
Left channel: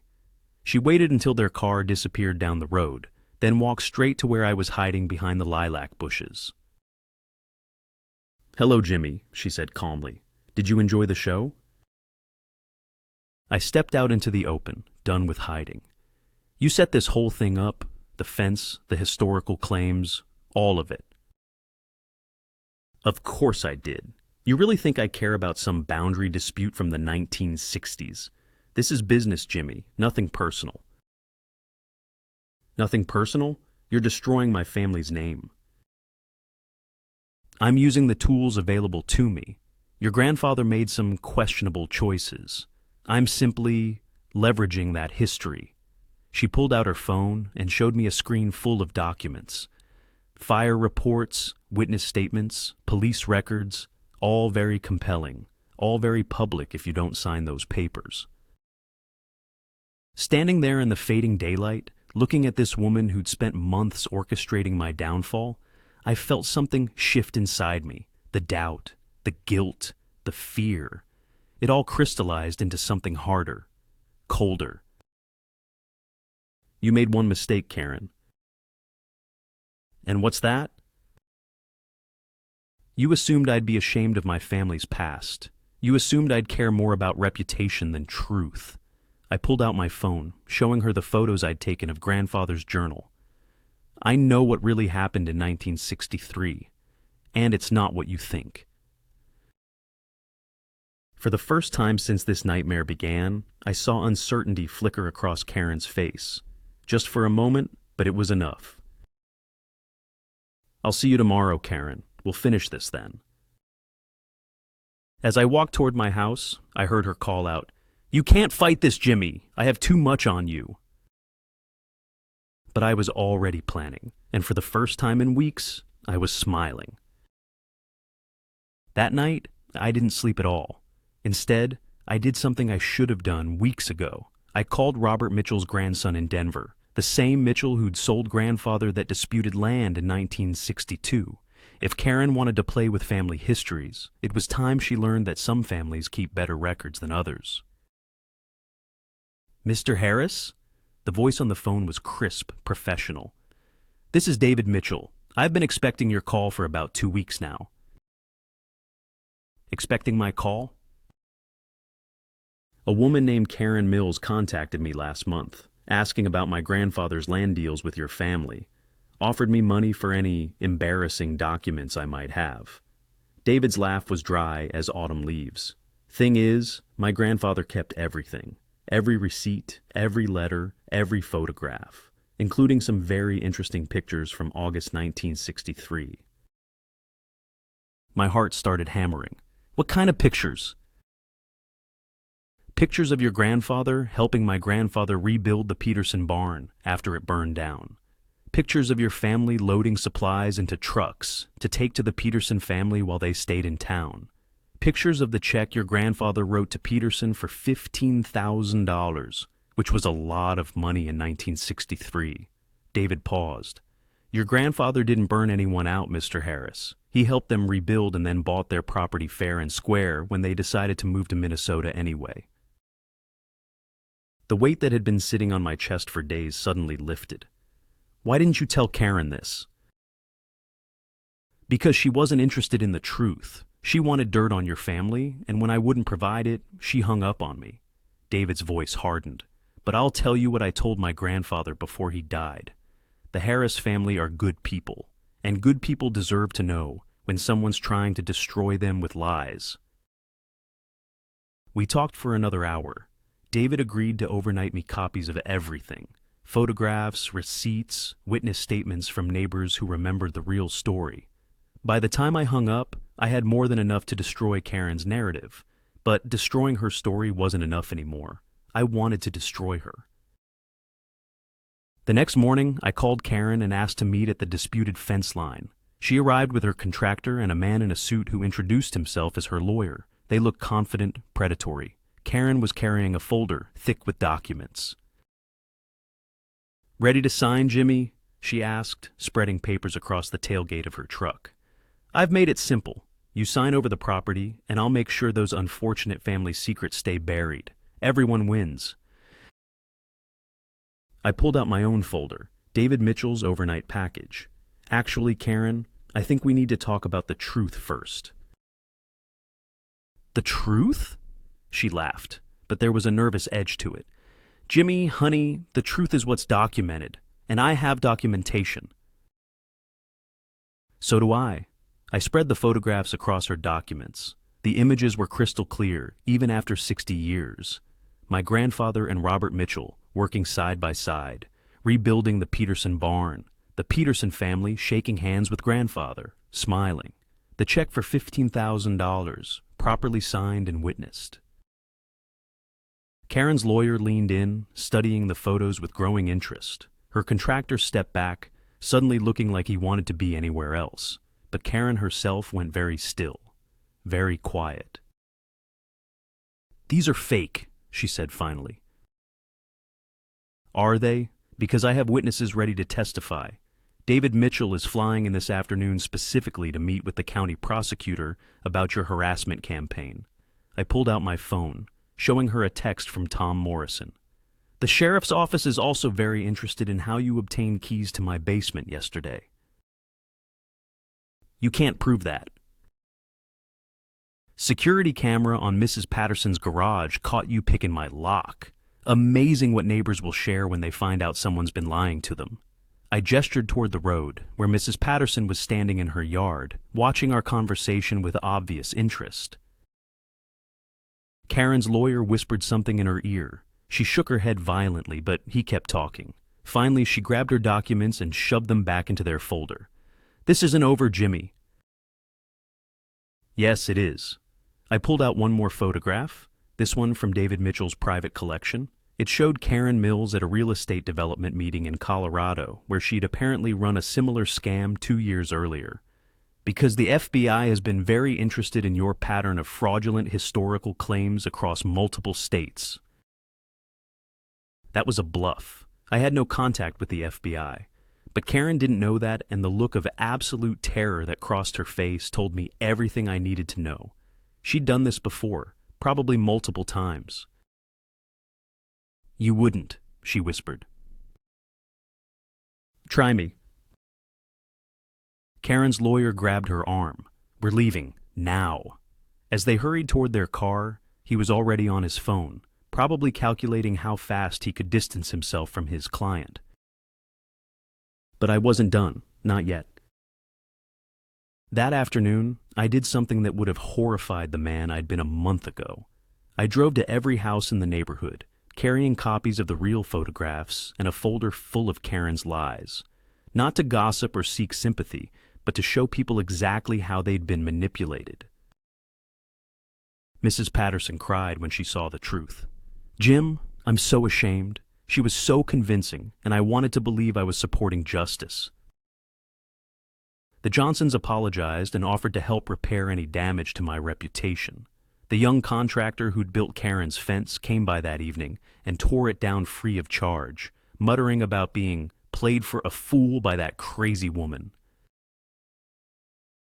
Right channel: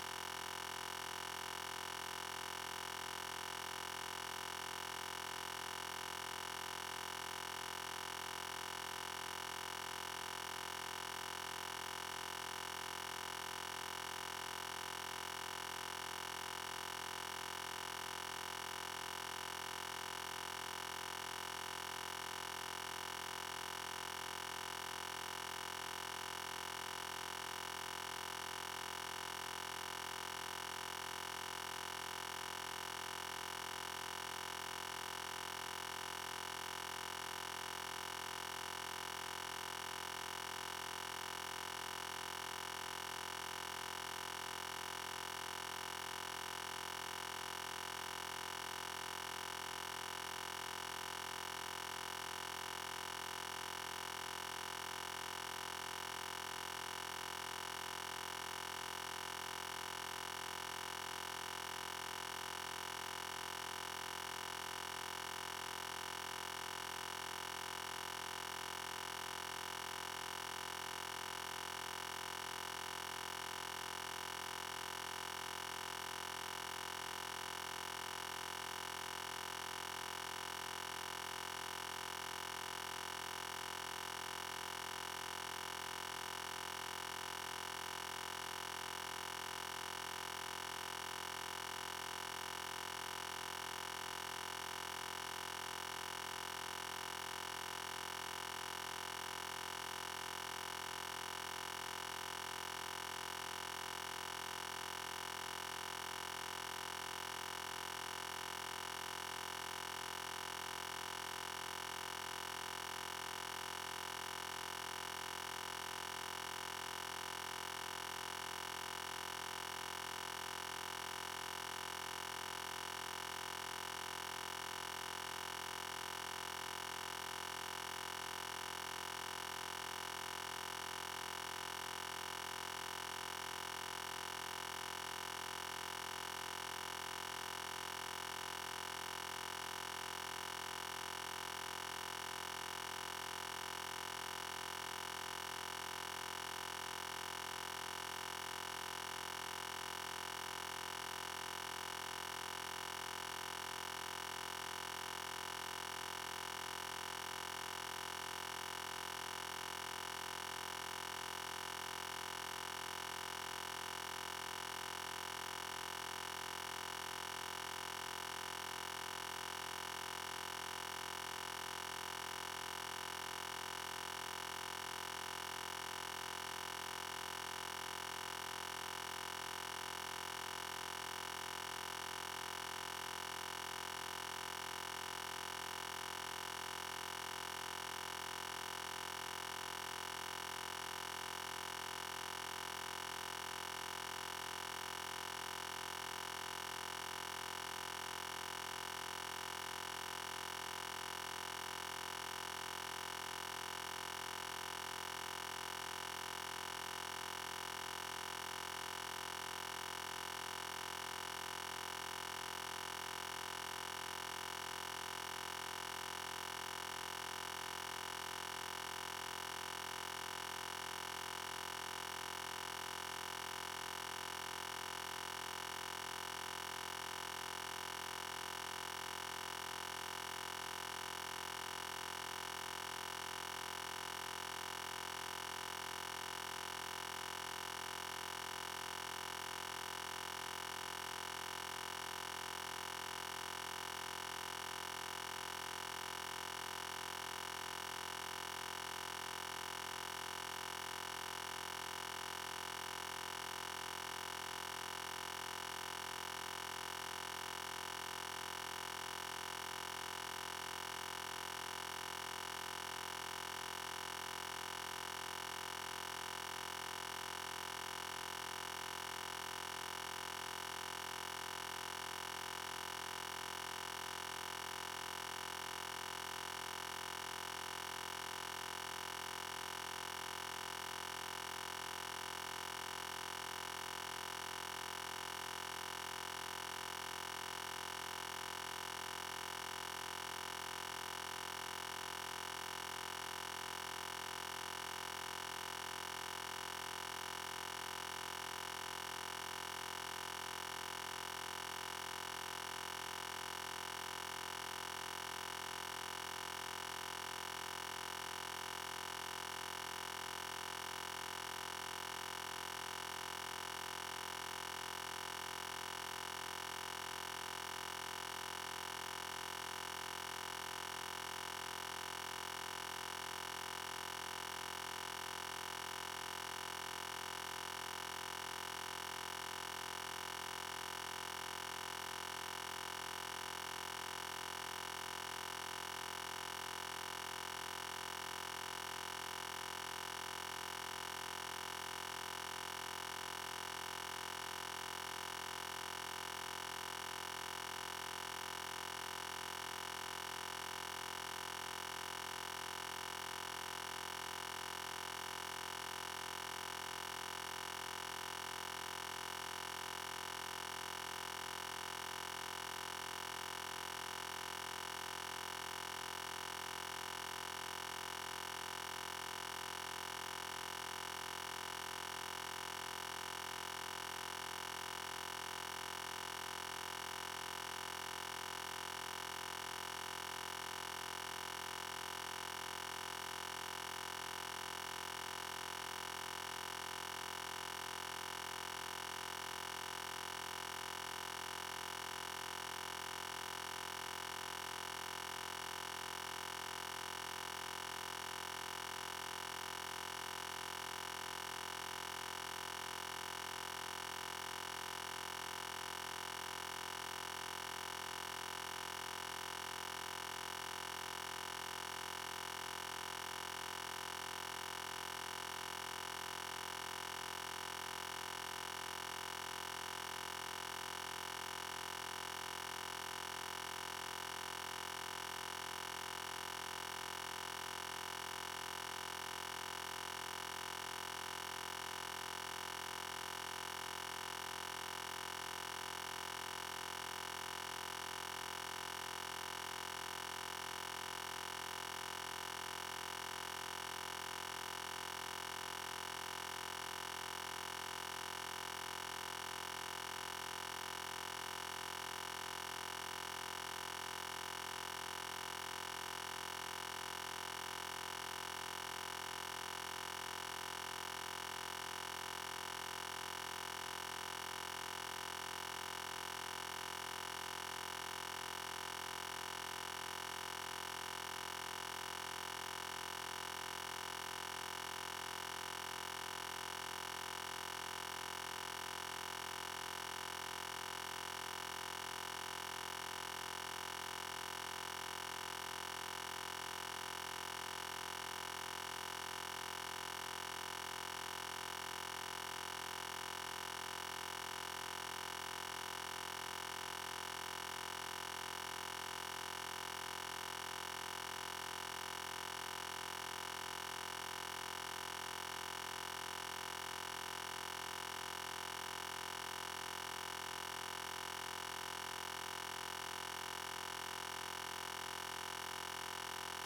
She waited until their car disappeared down the road, then walked straight to where I was hiding behind the lilac bushes. "Hello, Jimmy," she said calmly. "Did you enjoy the show?" I stepped out into the open, done with hiding. "You set this whole thing up, the fence, the historical claims, all of it." "Of course I did. You really think I care about some boundary dispute from the 1960s? This is business, Jimmy, nothing personal." "Nothing personal? You're destroying my family's name." "I'm using the tools available to me. Your grandfather made some questionable choices. I'm simply leveraging that history." She pulled out her phone and showed me a screen full of documents. Fire reports, witness statements, police records, all very compelling, all very public if you don't sign those papers. Standing there in the fading daylight, looking at this woman who'd spent months orchestrating my downfall, I felt something shift inside me. The doubt, the guilt, the fear. It all crystallized into something harder, colder. "You made one mistake, Karen." "And what's that?" "You assumed I'd be ashamed of my family's past. You assumed I'd care more about reputation than truth." I pulled out my phone, showing her the photos I'd taken of grandfather's journal. "I know what really happened in 1963, and it's not what you think." For the first time since this nightmare began, I saw uncertainty flicker across Karen's face. Just for a moment, but it was enough. "I'll see you tomorrow, Karen. We'll finish this then." As I walked toward my house, I heard her call out, "You can't fight this, Jimmy. I have too much on you." But I was already planning, and for the first time in weeks, I was smiling. That night, I didn't sleep at all. Instead, I did something I should have done weeks ago. I called Robert Mitchell's grandson in Denver, the same Mitchell who'd sold grandfather that disputed land in 1962. If Karen wanted to play with family histories, it was time she learned that some families keep better records than others. "Mr. Harris?" The voice on the phone was crisp, professional. "This is David Mitchell. I've been expecting your call for about 2 weeks now." "Expecting my call?" "A woman named Karen Mills contacted me last month, asking about my grandfather's land deals with your family. Offered me money for any embarrassing documents I might have." David's laugh was dry as autumn leaves. "Thing is, my grandfather kept everything. Every receipt, every letter, every photograph, including some very interesting pictures from August 1963. My heart started hammering. "What kind of pictures?" "Pictures of your grandfather helping my grandfather rebuild the Peterson barn after it burned down. Pictures of your family loading supplies into trucks to take to the Peterson family while they stayed in town. Pictures of the check your grandfather wrote to Peterson for $15,000, which was a lot of money in 1963. David paused. "Your grandfather didn't burn anyone out, Mr. Harris. He helped them rebuild and then bought their property fair and square when they decided to move to Minnesota anyway." The weight that had been sitting on my chest for days suddenly lifted. "Why didn't you tell Karen this?" "Because she wasn't interested in the truth. She wanted dirt on your family, and when I wouldn't provide it, she hung up on me. David's voice hardened. But I'll tell you what I told my grandfather before he died. The Harris family are good people, and good people deserve to know when someone's trying to destroy them with lies. We talked for another hour. David agreed to overnight me copies of everything. Photographs, receipts, witness statements from neighbors who remembered the real story. By the time I hung up, I had more than enough to destroy Karen's narrative. But destroying her story wasn't enough anymore. I wanted to destroy her. The next morning, I called Karen and asked to meet at the disputed fence line. She arrived with her contractor and a man in a suit who introduced himself as her lawyer. They looked confident, predatory. Karen was carrying a folder, thick with documents. "Ready to sign, Jimmy?" she asked, spreading papers across the tailgate of her truck. "I've made it simple. You sign over the property, and I'll make sure those unfortunate family secrets stay buried. Everyone wins." I pulled out my own folder, David Mitchell's overnight package. "Actually, Karen, I think we need to talk about the truth first." "The truth?" She laughed, but there was a nervous edge to it. "Jimmy, honey, the truth is what's documented, and I have documentation." "So do I." I spread the photographs across her documents. The images were crystal clear, even after 60 years. My grandfather and Robert Mitchell, working side by side, rebuilding the Peterson barn, the Peterson family shaking hands with grandfather, smiling, the check for $15,000, properly signed and witnessed. Karen's lawyer leaned in, studying the photos with growing interest. Her contractor stepped back, suddenly looking like he wanted to be anywhere else. But Karen herself went very still, very quiet. "These are fake," she said finally. "Are they? Because I have witnesses ready to testify. David Mitchell is flying in this afternoon specifically to meet with the county prosecutor about your harassment campaign." I pulled out my phone, showing her a text from Tom Morrison. "The sheriff's office is also very interested in how you obtained keys to my basement yesterday." "You can't prove that." "Security camera on Mrs. Patterson's garage caught you picking my lock. Amazing what neighbors will share when they find out someone's been lying to them." I gestured toward the road, where Mrs. Patterson was standing in her yard, watching our conversation with obvious interest. Karen's lawyer whispered something in her ear. She shook her head violently, but he kept talking. Finally, she grabbed her documents and shoved them back into their folder. "This isn't over, Jimmy." "Yes, it is." I pulled out one more photograph, this one from David Mitchell's private collection. It showed Karen Mills at a real estate development meeting in Colorado, where she'd apparently run a similar scam 2 years earlier. "Because the FBI has been very interested in your pattern of fraudulent historical claims across multiple states." That was a bluff. I had no contact with the FBI. But Karen didn't know that, and the look of absolute terror that crossed her face told me everything I needed to know. She'd done this before, probably multiple times. "You wouldn't," she whispered. "Try me." Karen's lawyer grabbed her arm. "We're leaving, now." As they hurried toward their car, he was already on his phone, probably calculating how fast he could distance himself from his client. But I wasn't done, not yet. That afternoon, I did something that would have horrified the man I'd been a month ago. I drove to every house in the neighborhood, carrying copies of the real photographs and a folder full of Karen's lies. Not to gossip or seek sympathy, but to show people exactly how they'd been manipulated. Mrs. Patterson cried when she saw the truth. "Jim, I'm so ashamed. She was so convincing, and I wanted to believe I was supporting justice." The Johnsons apologized and offered to help repair any damage to my reputation. The young contractor who'd built Karen's fence came by that evening and tore it down free of charge, muttering about being played for a fool by that crazy woman.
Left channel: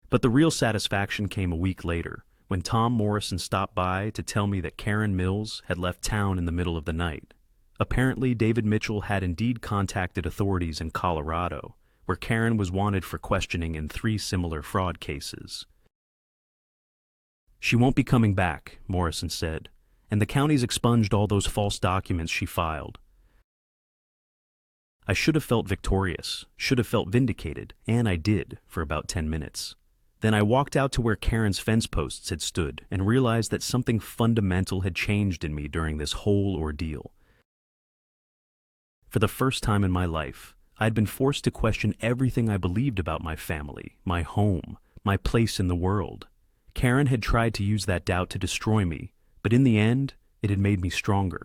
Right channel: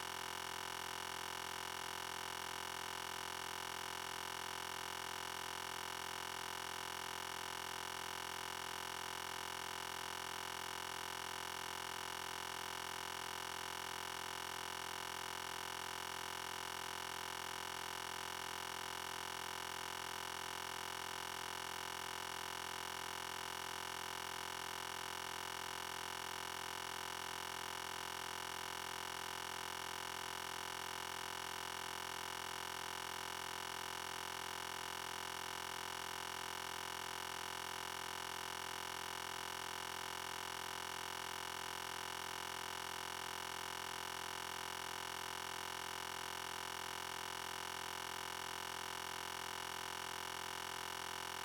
But the real satisfaction came a week later, when Tom Morrison stopped by to tell me that Karen Mills had left town in the middle of the night. Apparently, David Mitchell had indeed contacted authorities in Colorado, where Karen was wanted for questioning in 3 similar fraud cases. "She won't be coming back," Morrison said, "and the county's expunged all those false documents she filed." I should have felt victorious, should have felt vindicated, and I did for about 10 minutes. Then I walked out to where Karen's fence posts had stood and realized that something fundamental had changed in me during this whole ordeal. For the first time in my life, I'd been forced to question everything I believed about my family, my home, my place in the world. Karen had tried to use that doubt to destroy me, but in the end, it had made me stronger.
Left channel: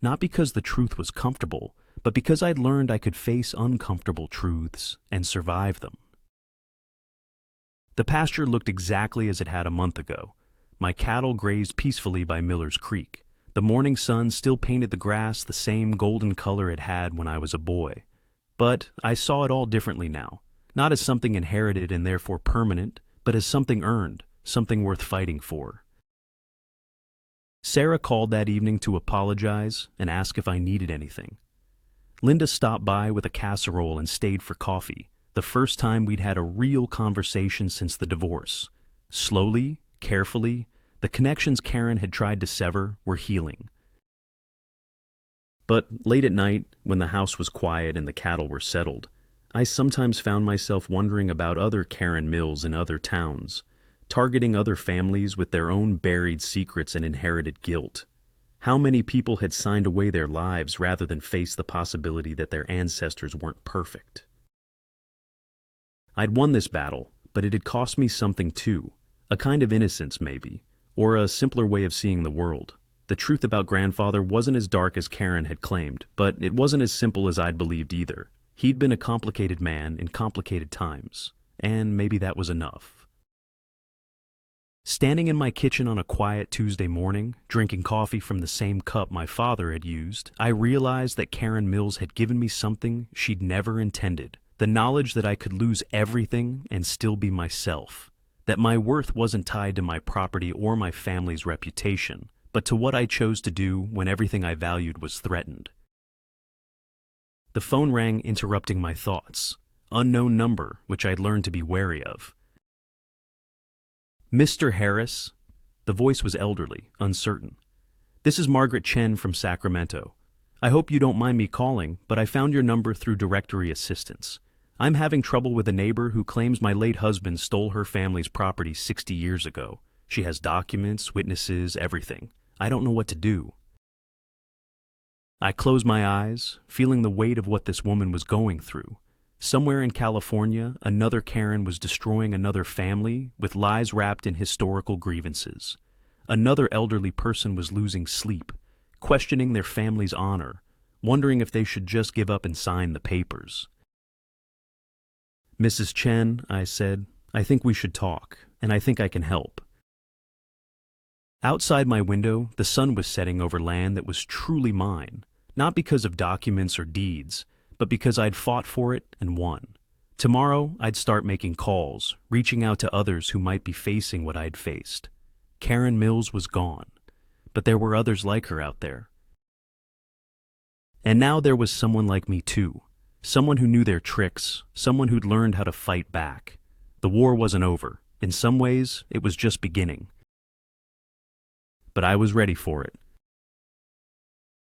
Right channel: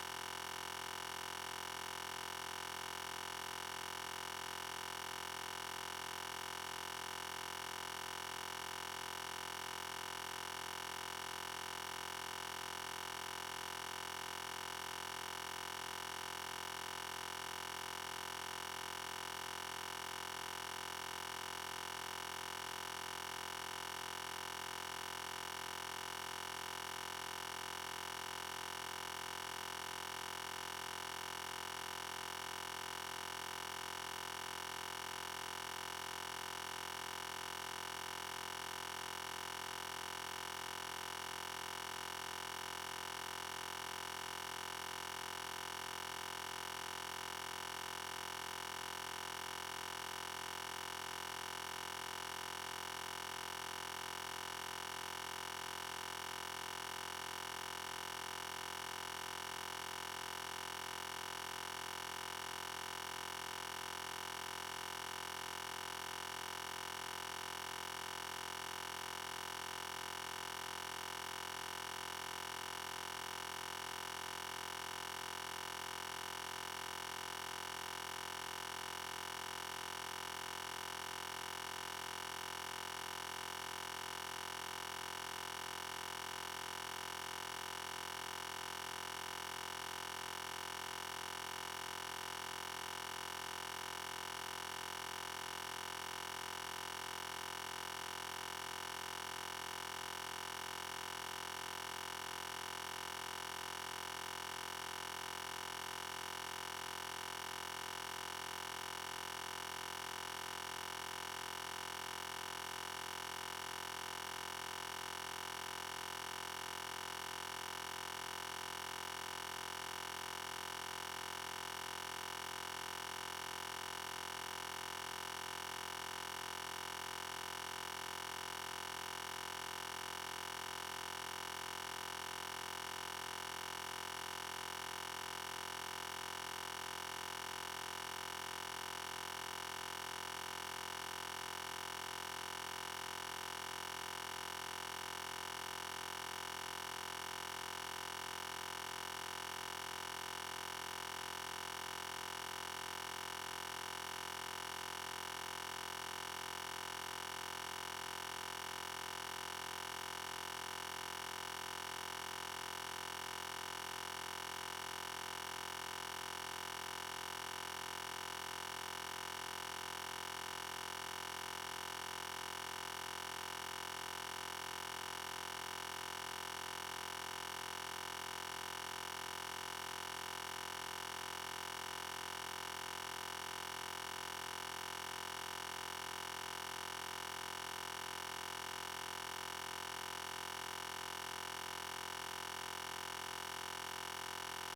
Not because the truth was comfortable, but because I'd learned I could face uncomfortable truths and survive them. The pasture looked exactly as it had a month ago. My cattle grazed peacefully by Miller's Creek. The morning sun still painted the grass the same golden color it had when I was a boy. But I saw it all differently now, not as something inherited and therefore permanent, but as something earned, something worth fighting for. Sarah called that evening to apologize and ask if I needed anything. Linda stopped by with a casserole and stayed for coffee, the first time we'd had a real conversation since the divorce. Slowly, carefully, the connections Karen had tried to sever were healing. But late at night, when the house was quiet and the cattle were settled, I sometimes found myself wondering about other Karen Mills in other towns, targeting other families with their own buried secrets and inherited guilt. How many people had signed away their lives rather than face the possibility that their ancestors weren't perfect? I'd won this battle, but it had cost me something too, a kind of innocence maybe, or a simpler way of seeing the world. The truth about grandfather wasn't as dark as Karen had claimed, but it wasn't as simple as I'd believed either. He'd been a complicated man in complicated times, and maybe that was enough. Standing in my kitchen on a quiet Tuesday morning, drinking coffee from the same cup my father had used, I realized that Karen Mills had given me something she'd never intended. The knowledge that I could lose everything and still be myself. That my worth wasn't tied to my property or my family's reputation, but to what I chose to do when everything I valued was threatened. The phone rang, interrupting my thoughts. Unknown number, which I'd learned to be wary of. "Mr. Harris?" The voice was elderly, uncertain. "This is Margaret Chen from Sacramento. I hope you don't mind me calling, but I found your number through directory assistance. I'm having trouble with a neighbor who claims my late husband stole her family's property 60 years ago. She has documents, witnesses, everything. I don't know what to do." I closed my eyes, feeling the weight of what this woman was going through. Somewhere in California, another Karen was destroying another family with lies wrapped in historical grievances. Another elderly person was losing sleep, questioning their family's honor, wondering if they should just give up and sign the papers. "Mrs. Chen," I said, "I think we should talk, and I think I can help." Outside my window, the sun was setting over land that was truly mine, not because of documents or deeds, but because I'd fought for it and won. Tomorrow, I'd start making calls, reaching out to others who might be facing what I'd faced. Karen Mills was gone, but there were others like her out there. And now there was someone like me too, someone who knew their tricks, someone who'd learned how to fight back. The war wasn't over. In some ways, it was just beginning. But I was ready for it.